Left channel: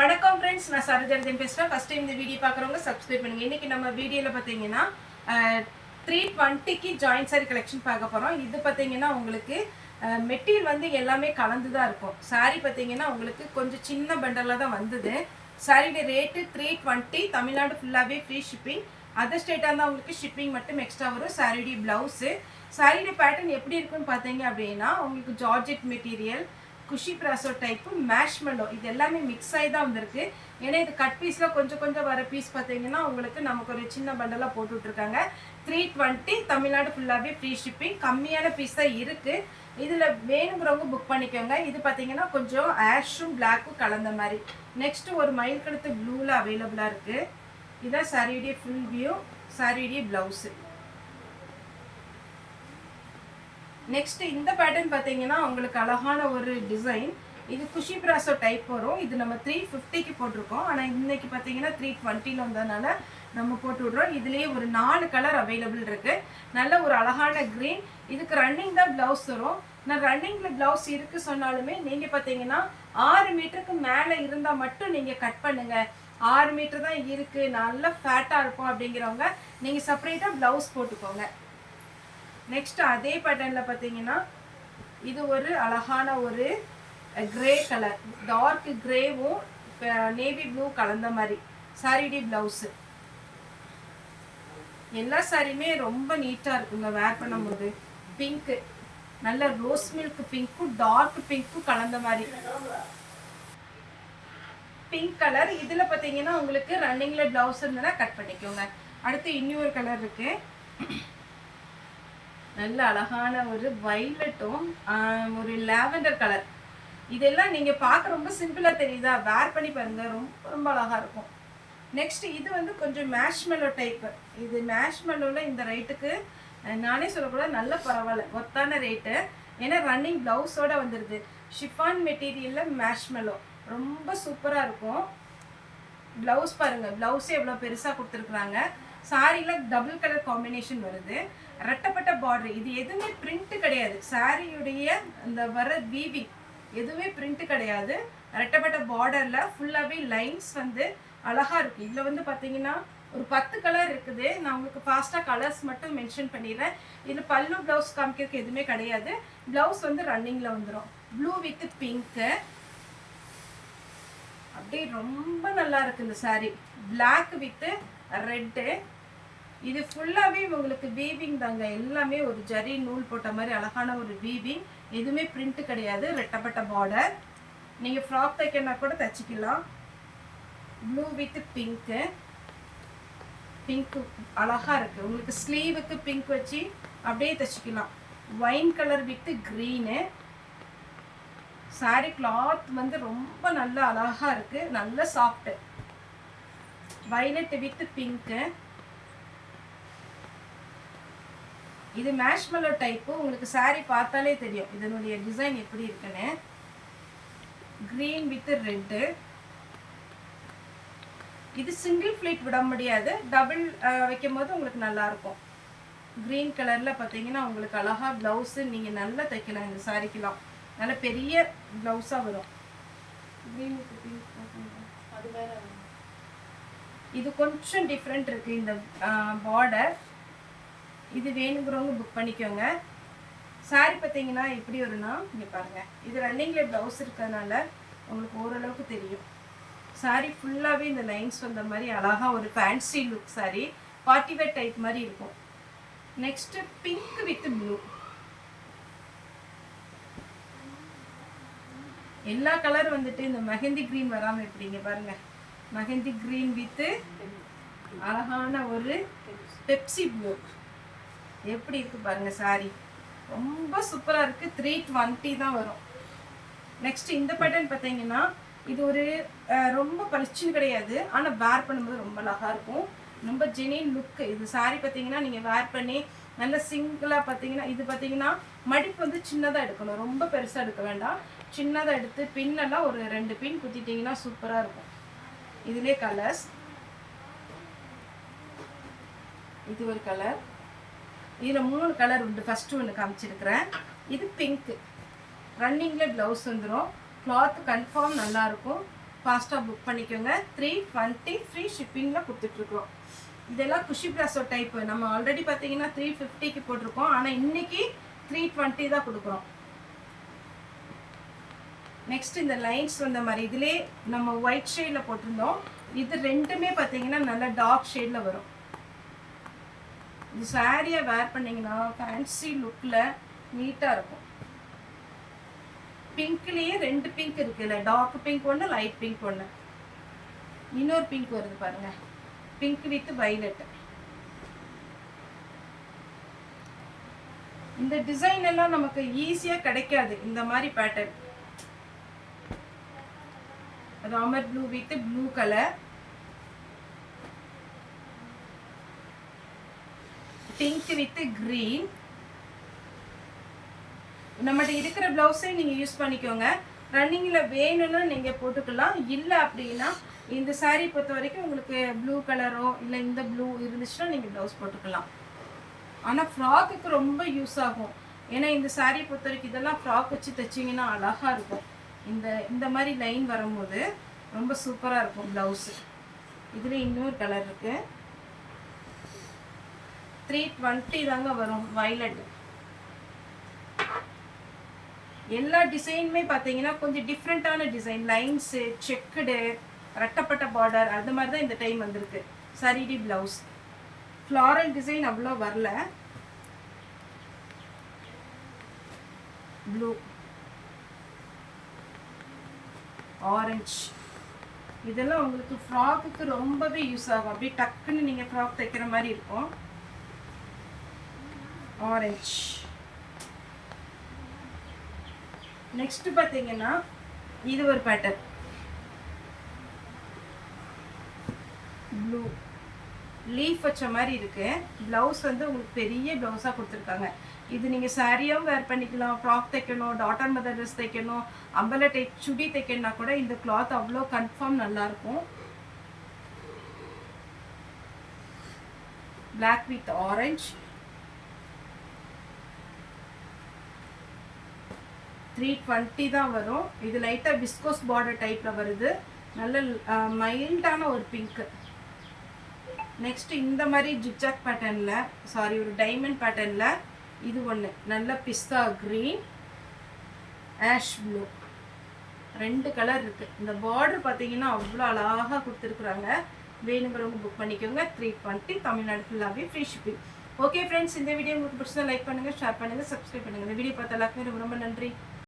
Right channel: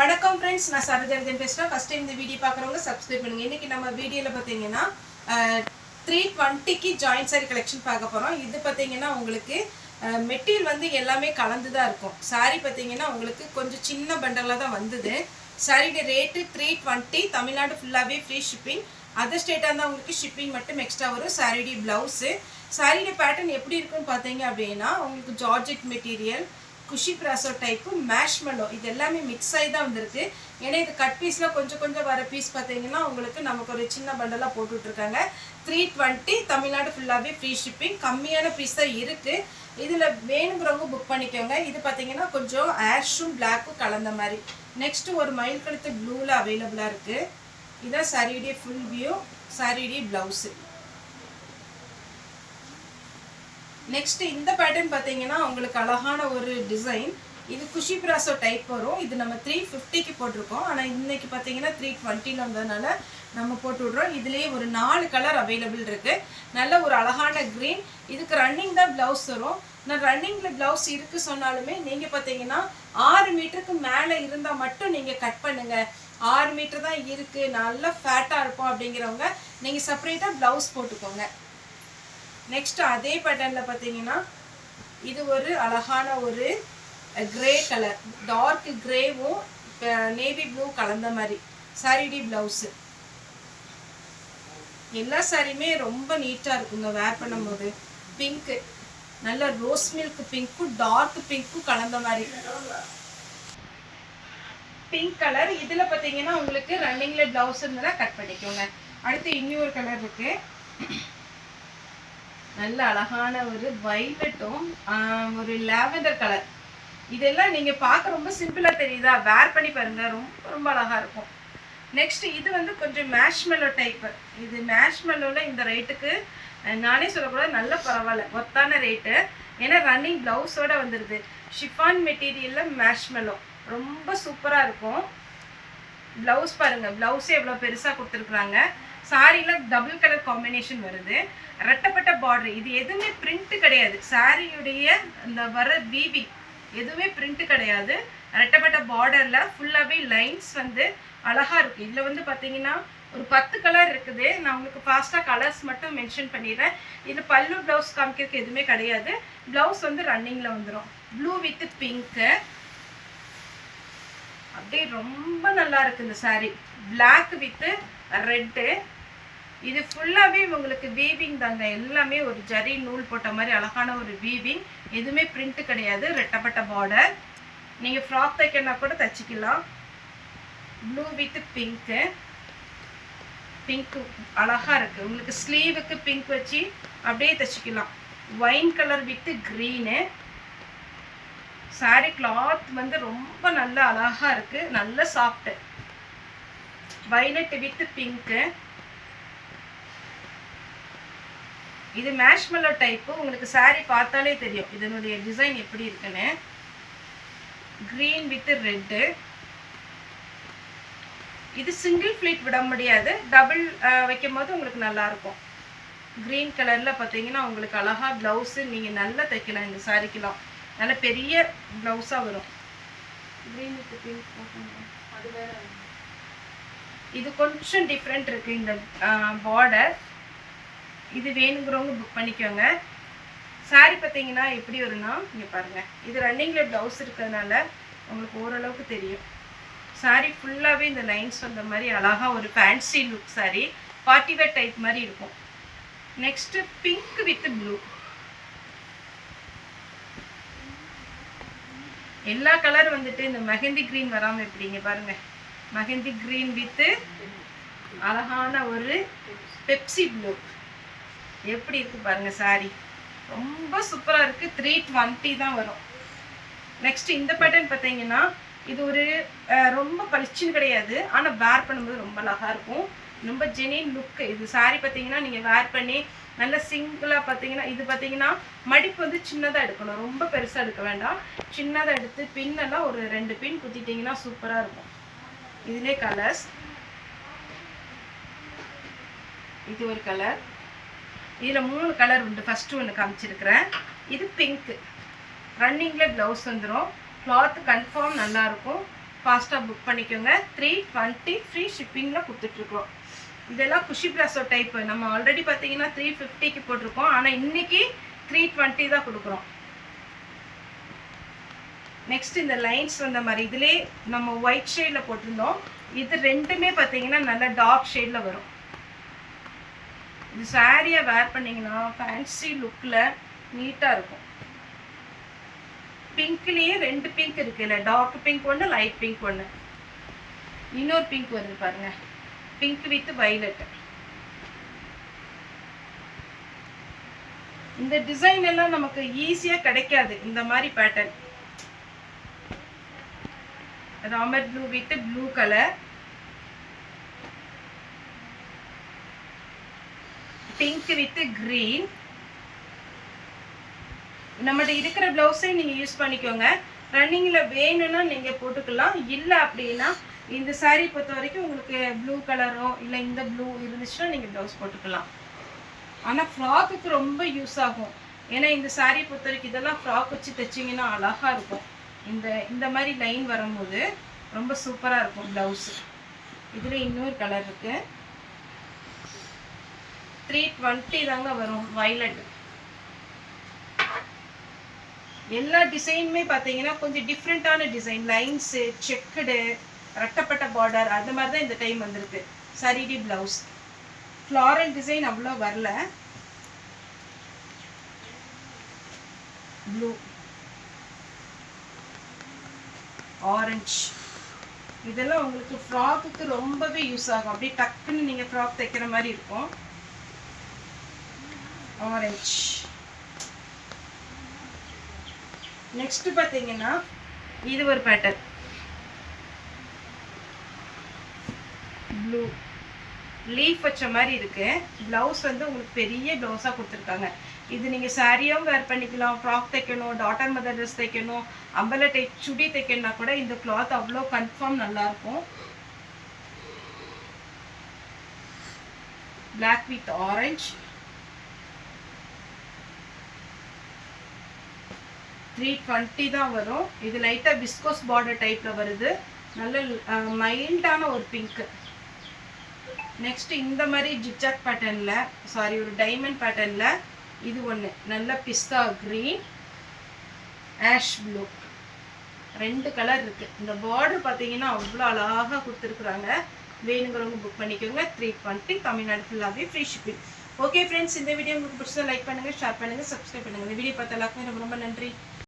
வணக்கம் ஃப்ரெண்ட்ஸ், நான் சரோஜா பேசுகிறேன். ஃபஸ்ட் டைம் இந்த வீடியோ பார்க்குறவங்க சப்ஸ்கிரைப் பண்ணுங்கள். இன்றைக்கி நம்ம வீடியோவில் பார்த்தீங்கன்னா 320க்கு ஜாயின்ட் சாரி கலெக்ஷன் பார்க்க போகிறோம். இது பார்த்தீங்கன்னா உங்களுக்கு மெட்டீரியல் வந்து எல்லாமே கலந்து தான் இருக்கும். சாரீ பார்த்தீங்கன்னா உங்களுக்கு கொஞ்சம் சின்ன பண்டலாக தான் வந்தது. சாரியோட ரேட்டு 320. தமிழ்நாடு ஃபுல்லாகவே ஃப்ரீ ஷிப்பிங். அதர் ஸ்டேட்டாக இருந்தால் உங்களுக்கு ஷிப்பிங் மட்டும் எக்ஸ்ட்ரா வரும். சாரியோடைய ப்ளவுஸு, சாரியோட பேட்டர்ன் எப்படி இருக்குன்னு பார்த்தீங்க அப்படின்னா உங்களுக்கு ஜார்ஜெட் மெட்டீரியல், குஷி பிராசோ டைப்பு, மேஷ்மெல்லோ, இது எல்லாமே மிக்ஸ் ஆகி தான் வந்திருக்கு. ஏன்னா இது கட் பீஸில் கொஞ்சம் கொஞ்சம் வர பீஸ் பார்த்தீங்கன்னா உங்களுக்கு நமக்கு ஒரு சின்ன பண்டலாக போட்டு விட்ருக்காங்க. 320 தமிழ்நாடு ஃபுல்லாகவே ஃப்ரீ ஷிப்பிங். கம்மியான பீஸ் தான் இருக்குது. இதில் வேணுங்கிறவங்க புக் பண்ணிக்கோங்க. இது பார்த்தீங்கன்னா கொஞ்சம் ஆஷும் பிளாக்கும் கலந்த மாதிரி. நெக்ஸ்ட்டு ஒரு மயில் கழுத்து ப்ளூவில் அவைலபிளாக இருக்குது. இதான் சாரியுடைய ஃபுல் வியூ, சாரியுடைய ப்ளவுஸு. நெக்ஸ்ட் இந்த பேட்டர்ன் பார்த்தீங்கன்னா உங்களுக்கு அழகான ஒரு டிசைன். இது குஷி பிராசோ டைப் வரும். இது நம்ம 350க்கு போட்டிருக்கோம். ஆனால் இன்னைக்கு பார்த்தீங்கன்னா 320 வந்ததுனால நம்ம போட்டு விட்றோம். இதுலேயே ஒரு 4 கலர் அவைலபிள் இருக்குது. நல்ல ஒரு அழகான க்ரீன். இதுக்கு ரன்னிங் தான் ப்ளவுஸ் வரும். நான் ரன்னிங்கில் ப்ளவுஸ் இருக்குது சொன்னாலுமே நீங்கள் பார்த்தீங்கன்னா 6 மீட்டருக்கு மேலே இருந்தால் மட்டும் நீங்கள் கட் பண்ணுங்கள். 6 மீட்டர் தான் இருக்குது, நல்லா ஃபேட்டாக இருக்கும் அப்படிங்கிறவங்க நீங்கள் செப்பரேட்டாக ப்ளவுஸ் போட்டுக்கோங்க. நெக்ஸ்ட் அதே பேட்டர்னில் பார்த்தீங்கன்னா இது ஒரு அழகான ஒரு கிரே கலர், டார்க் கிரேவும் நேவி ப்ளூ கலந்த மாதிரி சாரியுடைய ப்ளவுஸு. எல்லா சாரியுமே ரொம்ப நீட்டாக இருக்குங்க வேர் பண்ணும்போது. பிங்க்கு, நல்ல ரோஸ் மில்க் பிங்க்கும் டார்க் பிங்க்கும் கலந்த மாதிரி பிங்க் கலர். இதில் பார்த்தீங்கன்னா உங்களுக்கு ரன்னிங்கில் ப்ளவுஸ் இருந்ததுன்னா கட் பண்ணிக்கோங்க. அடுத்து இன்னொரு கலர் இருக்குது. நல்ல அழகான ஒரு வைலட்டும் ஒரு லாவெண்டர் கலர். இதெல்லாம் நீங்கள் பார்க்க ரொம்ப சிம்பிளாக தெரியுதா? வேர் பண்ணி பாருங்கள், ரொம்ப ரொம்ப அழகாக இருக்கும். நெக்ஸ்ட் இது வந்து கொஞ்சம் மேஷ்மெல்லோ டைப்பு. இது மேஷ்மெல்லோவில் இந்த ரேட்டுக்கு நானே சொல்லக்கூடாது, நல்ல பரவாயில்ல, ஒர்த்தான ரேட்டு. ஏன்னா ரன்னிங் ப்ளவுஸோடு வந்துடுது. ஷிஃபான் மெட்டீரியலில் மேஷ்மெல்லோ ரொம்ப சூப்பராக இருக்கும். ப்ளவுஸ் பாருங்கள், ப்ளவுஸே எவ்வளோ பெருசாக கொடுத்துருக்குறாங்க. சாரியில் டபுள் கலர் காம்பினேஷன் வருது. ரெட்டப்பட்ட பார்டர். இது எதுவுமே பிரிண்ட்டு கிடையாது. சாரியுடைய இந்த வர வீவிங் எதுவுமே பிரிண்ட்டு கிடையாது. ரெட்டப்பட்ட பார்டரில் ஃபுல்லாகவே லைன்ஸ் வந்து அழகாக இருக்குது. இதில் வந்து பார்த்தீங்கன்னா ஒரு 10 கலர் இருக்குது. நான் உங்களுக்கு ஃபாஸ்ட்டாக கலர்ஸ் மட்டும் மென்ஷன் பண்ணிடுறேன். இதில் பல்லு ப்ளவுஸ் காமிக்கிறதுக்கு எதுவுமே கிடையாது. ப்ளவுஸ் வந்து ரன்னிங்கில் வந்துடும். ப்ளூ வித் பிங்க்கு, அப்படியே ரொம்ப நல்லா இருக்குது இந்த சாரீ. Black with red. இது ஃபுல்லாகவே உங்களுக்கு வீவிங் தாங்க. எல்லாமே ஒரு ஜரி நூல் போட்ட மாதிரி அழகான ஒரு வீவிங். எதுவுமே பிரிண்ட்டு கிடையாது. ரெட்டப்பட்ட பார்டர். நீங்கள் ஃப்ராக் தைக்கனா கூட தைச்சிக்கலாம். ப்ளூ வித் பிங்க்கு, பிங்க்கு அழகாக இருக்குது. உங்களுக்கு ஸ்லீவுக்கு பிங்க் வச்சு அப்படியே தைச்சிக்கலாம். Wine colour with green. Sari cloth வந்து ரொம்ப நல்லா அழகாக இருக்குது, நல்ல சாஃப்ட்டு. Violet with pink. இது மேஷ்மெல்லோ டைப்பு. உங்களுக்கு சாரீ பார்த்தாலே தெரியும் இதனுடைய டிசைன் எப்படி இருக்குன்னு. Green with red. இது சிங்கிள் ஃப்ளீட் விட முடியாது, டபுள் வைக்கும் போது உங்களுக்கு நல்லாயிருக்கும். க்ரீன் கலரில் பார்த்தீங்கன்னா உங்களுக்கு அழகாக ப்ளவுஸு நீங்கள் நல்லா தைக்கலாம். இந்த சாரீக்கெலாம் நல்ல பெரிய ப்ளவுஸாக வரும். Green with pink. அது வேறு. இது கொஞ்சம் டிஃப்ரெண்ட் இருக்குது இந்த பார்டர். இது வேணுங்கிறவங்க புக் பண்ணிக்கோங்க. சாரீ பார்த்தீங்கன்னா எப்படி வரும்னா இங்கே பாருங்கள். இது ரன்னிங்கில் ப்ளவுஸ் இருக்கிறதுனால உங்களுக்கு ஓரளவுக்கு தெரியும். சாரீ ஃபுல்லாகவே இந்த லைன்ஸ் வந்த மாதிரி அழகாக ஒரு fancy look sari. Party wear type மாதிரி இருக்கும். Next pink with blue. எல்லா கலர் வந்துட்டு இந்த மெஹந்தி க்ரீன் வராமல் எப்படிங்க பாருங்கள். மெஹந்தி க்ரீன் வித்து அழகான ஒரு பெப்சி ப்ளூ. எப்படி இருக்குது பாருங்கள் சாரீ. ரொம்ப சூப்பராக இருக்குது. 320 தான் வரும். நெக்ஸ்ட் இந்த பேட்டர்ன் பார்த்தீங்கன்னா இது ஒரு ரொம்ப பளிச்சுன்னு கிடையாது, ஆனால் வேர் பண்ணும்போது ரொம்ப அழகாக இருக்கும். ரொம்ப ஜெனின் லுக்கு. இது சாரீ பார்த்தீங்கன்னா நீங்கள் வேர் பண்ணி நல்ல சிங்கிளாக பார்த்தீங்கன்னா இது பார்த்தீங்கன்னா மடிப்பு வந்து சின்னதாக எடுக்கணும், ரொம்ப பெருசாக எடுக்க வேண்டாம். சின்னதாக எடுத்து பின்னெல்லாம் ஒரு 2 பின் குத்திட்டிங்கன்னா சூப்பராக இருக்கும். இதிலே கலர்ஸ். இது ஒரு கலர். இதில் 3 கலர் உண்டு. ஃபஸ்ட்டு ஒன்று காமிச்சிருக்கிறேன். இது பிங்க்கு. ரன்னிங்கில் ப்ளவுஸ் வந்துடும். கிளாத்து கன்ஃபார்ம் நல்லாயிருக்கும். ஃபாஸ்ட்டாக புக் பண்ணிக்கோங்க. 320 ஃப்ரீ ஷிப்பிங்கில் கொடுத்துட்ருக்கோம். இதெல்லாம் குஷி பிளாசோ டைப்பு. நம்ம ஆல்ரெடி பார்த்தீங்கன்னா 350க்கு போட்டிருக்கோம். ஆனால் இன்றைக்கி 320 தான் கொடுக்குறோம். நெக்ஸ்ட் இந்த லைன்ஸ் வந்த மாதிரி இதிலே நம்ம ஒயிட் ஷேடில் போட்டிருந்தோம். இது ரெண்டுமே பார்த்தீங்கன்னா நல்ல டார்க் ஷேடில் வரும். இது சாரியை வேர் பண்ணிங்கன்னா ஃபேன்சி லுக்கில் நீட்டாக இருக்கும். பிங்க்லேயே 2 பிங்க் இருக்குல்ல, டார்க் பிங்க் ஒன்று, லைட் பிங்க் ஒன்று, இன்னொரு பிங்க் வருது பாருங்கள், பிங்க் வித் வைலட். இந்த டிசைன் எல்லாம் நமக்கு ஈஸியாக கிடைக்காது. இந்த மாதிரி pattern Ramar blue with blue colour, pink with green. நம்மகிட்ட இருக்கிற ப்ளவுஸே நீங்கள் யூஸ் பண்ணிக்கோங்க. ரன்னிங்கில் வேணும்னா நீங்கள் போட்டுக்கலாம். இல்லை அப்படின்னா இந்த சாரீ பொறுத்த வரைக்கும் உங்களுக்கு ப்ளூ கலரோ இல்லை இந்த ப்ளூ இருந்துச்சுன்னா நீங்கள் ப்ளவுஸ் போட்டுக்கலாம். ஆனால் ஃப்ராக்குக்கு ரொம்ப யூஸ் ஆகும். ஏன்னா இந்த சாரீ பொறுத்த வரைக்கும் இதெல்லாம் ஃப்ராக் வச்சு தைச்சிங்கன்னா அழகாக இருக்கும். இந்த மாதிரி லைன் வரும்போது ரொம்ப சூப்பராக இருக்கும் ப்ளவுஸு. இதில் இன்னொரு கலர் இருக்குது. 320 தாங்க வரும். வைலட். எல்லா டிசைனுமே பார்த்தீங்கன்னா கொஞ்சம் டிஃப்ரெண்ட்டான டிசைன், லைன்ஸு, செக்குடு, ரெட்டப்பட்ட பார்டர், அந்த மாதிரி தான் இந்த டைம் வந்திருக்கு. சரிடி ப்ளவுஸ். ஃப்ளாரல் டிசைன் அவ்வளோ வரல. ப்ளூ, ஆரஞ்ச், இதெல்லாம் உங்களுக்கு ஃப்ராக்குக்கு ரொம்பவே யூஸ் ஆகும். அப்படியே டக்குன்னு நீங்கள் ஃப்ராக் தைக்கிற மாதிரி இருக்கும். ஆரஞ்ச். நெக்ஸ்ட் பார்த்தீங்கன்னா இது ஒரு பேட்டர்ன், ப்ளூ லீஃப் வச்ச மாதிரி இருக்கு. ப்ளவுஸ் வந்து உங்களுக்கு பெரிய ப்ளவுஸாக கொடுத்துருக்காங்க. இது நீங்கள் சாரியாகவும் வேர் பண்ணிக்கலாம். ஃப்ராக் தைக்கணும், டாட்டர் மதர் ட்ரெஸ் தைக்கணும், அம்பலை டைப் சுடி தைக்கணும்னா கூட இந்த கிளாத் அவ்வளோ கன்ஃபார்ம் நல்லாயிருக்கும். Black with orange. 320 தான் வரும். இது லைட்டாக விஸ்கோஸ் பார்டர் டைப்பில் வருது. நல்ல மைல்டான ஒரு பிங்க்கு. நெக்ஸ்ட் இந்த மாதிரி ஜிக்ஜாக் பேட்டர்னில், சாரி ஒரு டைமண்ட் பேட்டர்னில் இது ஒன்று நல்ல பிஸ்தா க்ரீன், ஆஷ் ப்ளூ, 2 கலர் இருக்குது. இந்த பார்டர் பார்த்தீங்கன்னா அவ்வளோ அழகாக கொடுத்துருக்குறாங்க. வேணுங்கிறவங்க புக் பண்ணிக்கோங்க. 320 தமிழ்நாடு ஃபுல்லாகவே ஃப்ரீ ஷிப்பிங். ஓகே ஃப்ரெண்ட்ஸ், இந்த வீடியோ உங்களுக்கு பிடிச்சா லைக் பண்ணுங்கள், ஷேர் பண்ணுங்கள், சப்ஸ்கிரைப் பண்ணுங்கள். இந்த வீடியோ பார்த்த எல்லாருக்குமே ரொம்ப ரொம்ப நன்றி.